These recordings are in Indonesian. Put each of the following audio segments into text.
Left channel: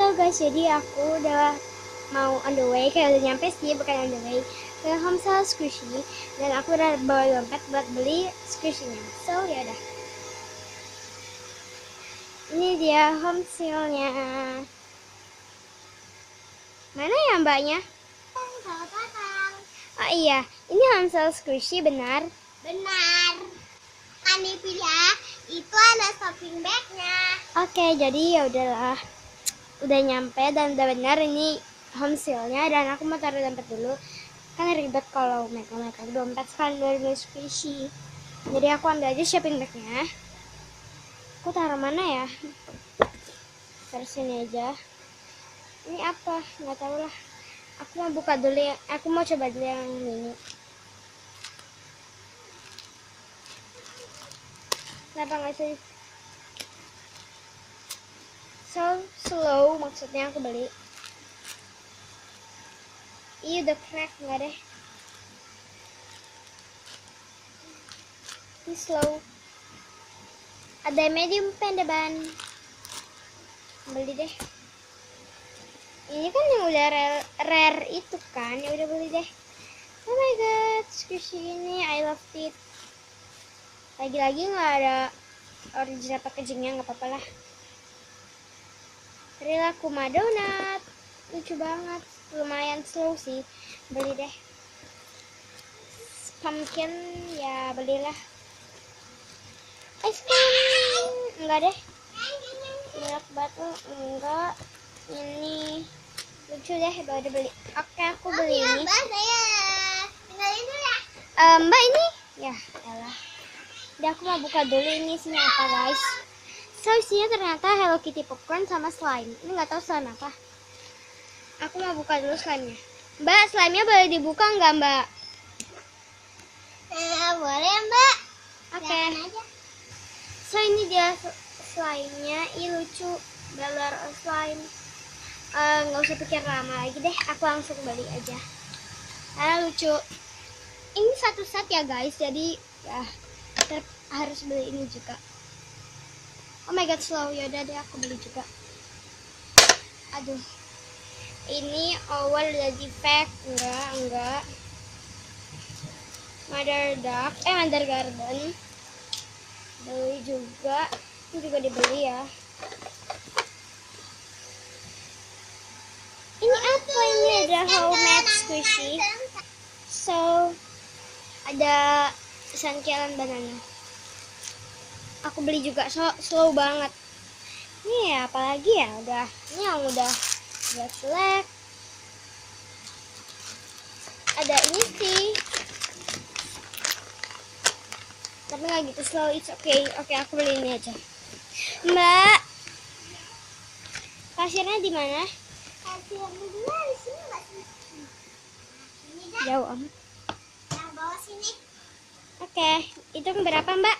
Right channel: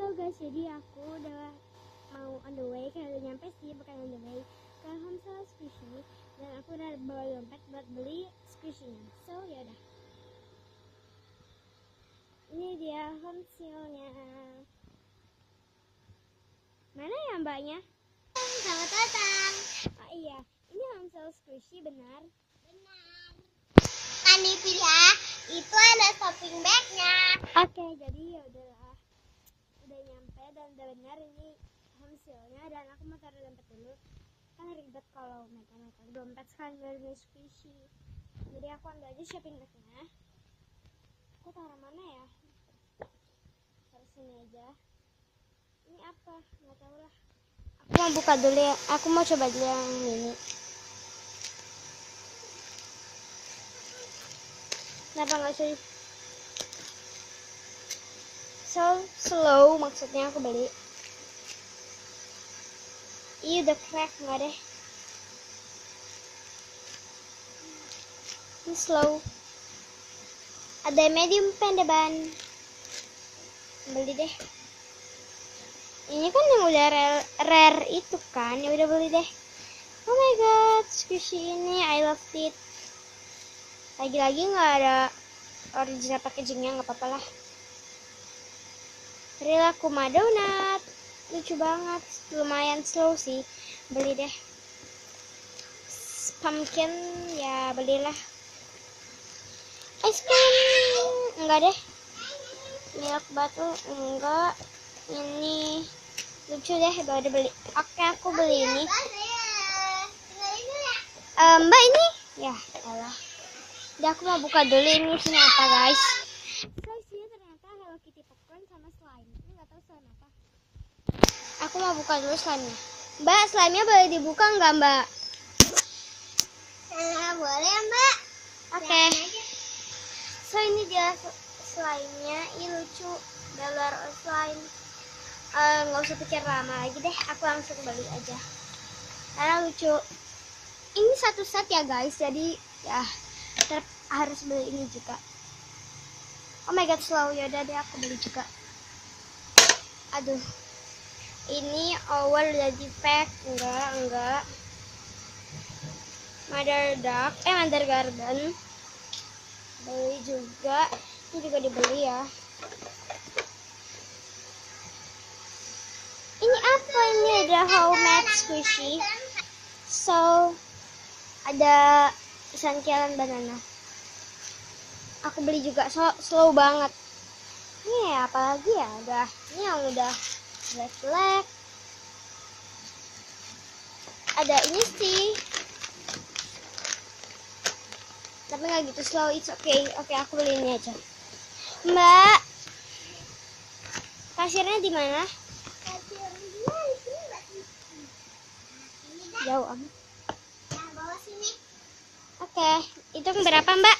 So guys, jadi aku udah mau on the way, kayak udah nyampe sih, bukan on the way, ke Homestyle Squishy. Dan aku udah bawa dompet buat beli squishy-nya. So ya udah. Ini dia Homestyle-nya. Mana ya mbaknya? Selamat datang. Oh iya, ini Homestyle Squishy benar? Benar. Kan dipilih ya. Itu ada shopping bag-nya. Oke, jadi ya udahlah. Udah nyampe dan udah benar ini Homestyle-nya, dan aku mau taruh dompet dulu. Kan ribet kalau megang dompet sekali dari beli squishy. Jadi aku ambil aja shopping bag-nya. Aku taruh mana ya? Taruh sini aja. Ini apa? Nggak tahu lah. Aku mau buka dulu ya. Aku mau coba dulu yang ini. Kenapa nggak sih? So slow maksudnya aku beli. Ih udah crack nggak deh? Ini slow. Ada medium pendeban. Beli deh. Ini kan yang udah rare itu kan, ya udah beli deh. Oh my god, squishy ini I love it. Lagi-lagi nggak ada original packagingnya, nggak apa-apa lah. Kuma donat, lucu banget, lumayan slow sih, beli deh. Pumpkin ya belilah. Ice cream enggak deh. Milk batu enggak. Ini lucu deh, baru beli. Oke, aku beli ini. Mbak, saya tinggalin dulu ya. Mbak ini ya salah. Udah, aku mau buka dulu ini isinya apa guys. So isinya ternyata Hello Kitty popcorn sama slime. Ini nggak tahu slime apa. Aku mau buka dulu slime-nya. Mbak, slime-nya boleh dibuka nggak mbak? Boleh Mbak. Oke. So ini dia slime-nya. Ih lucu, Beller slime. Nggak usah pikir lama lagi deh, aku langsung beli aja karena lucu. Ini satu set ya guys, jadi ya harus beli ini juga. Oh my god slow, yaudah deh aku beli juga. Aduh, ini owl udah di pack. Enggak Mother Garden beli juga. Ini juga dibeli ya. Ini apa ini? Ada homemade squishy. So ada sangkilan banana. Aku beli juga, slow banget. Ini ya, apalagi ya? Udah, ini yang udah jelek. Ada ini sih, tapi nggak gitu slow. It's okay. Oke, aku beli ini aja. Mbak, kasirnya di mana? Jauh amat. Nah, bawa sini. Oke, itu berapa mbak?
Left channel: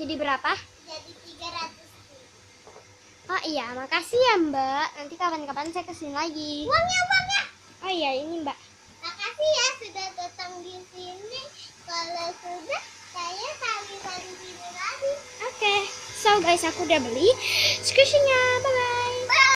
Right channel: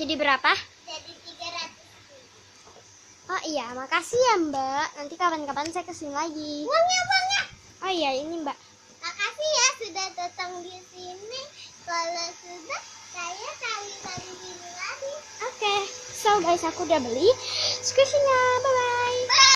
Jadi berapa? Jadi 300. Oh iya, makasih ya mbak. Nanti kapan-kapan saya kesini lagi. Uangnya. Oh iya, ini mbak. Makasih ya sudah datang di sini. Kalau sudah, saya kali dari sini lagi. Oke, so guys aku udah beli squishy-nya. Bye-bye.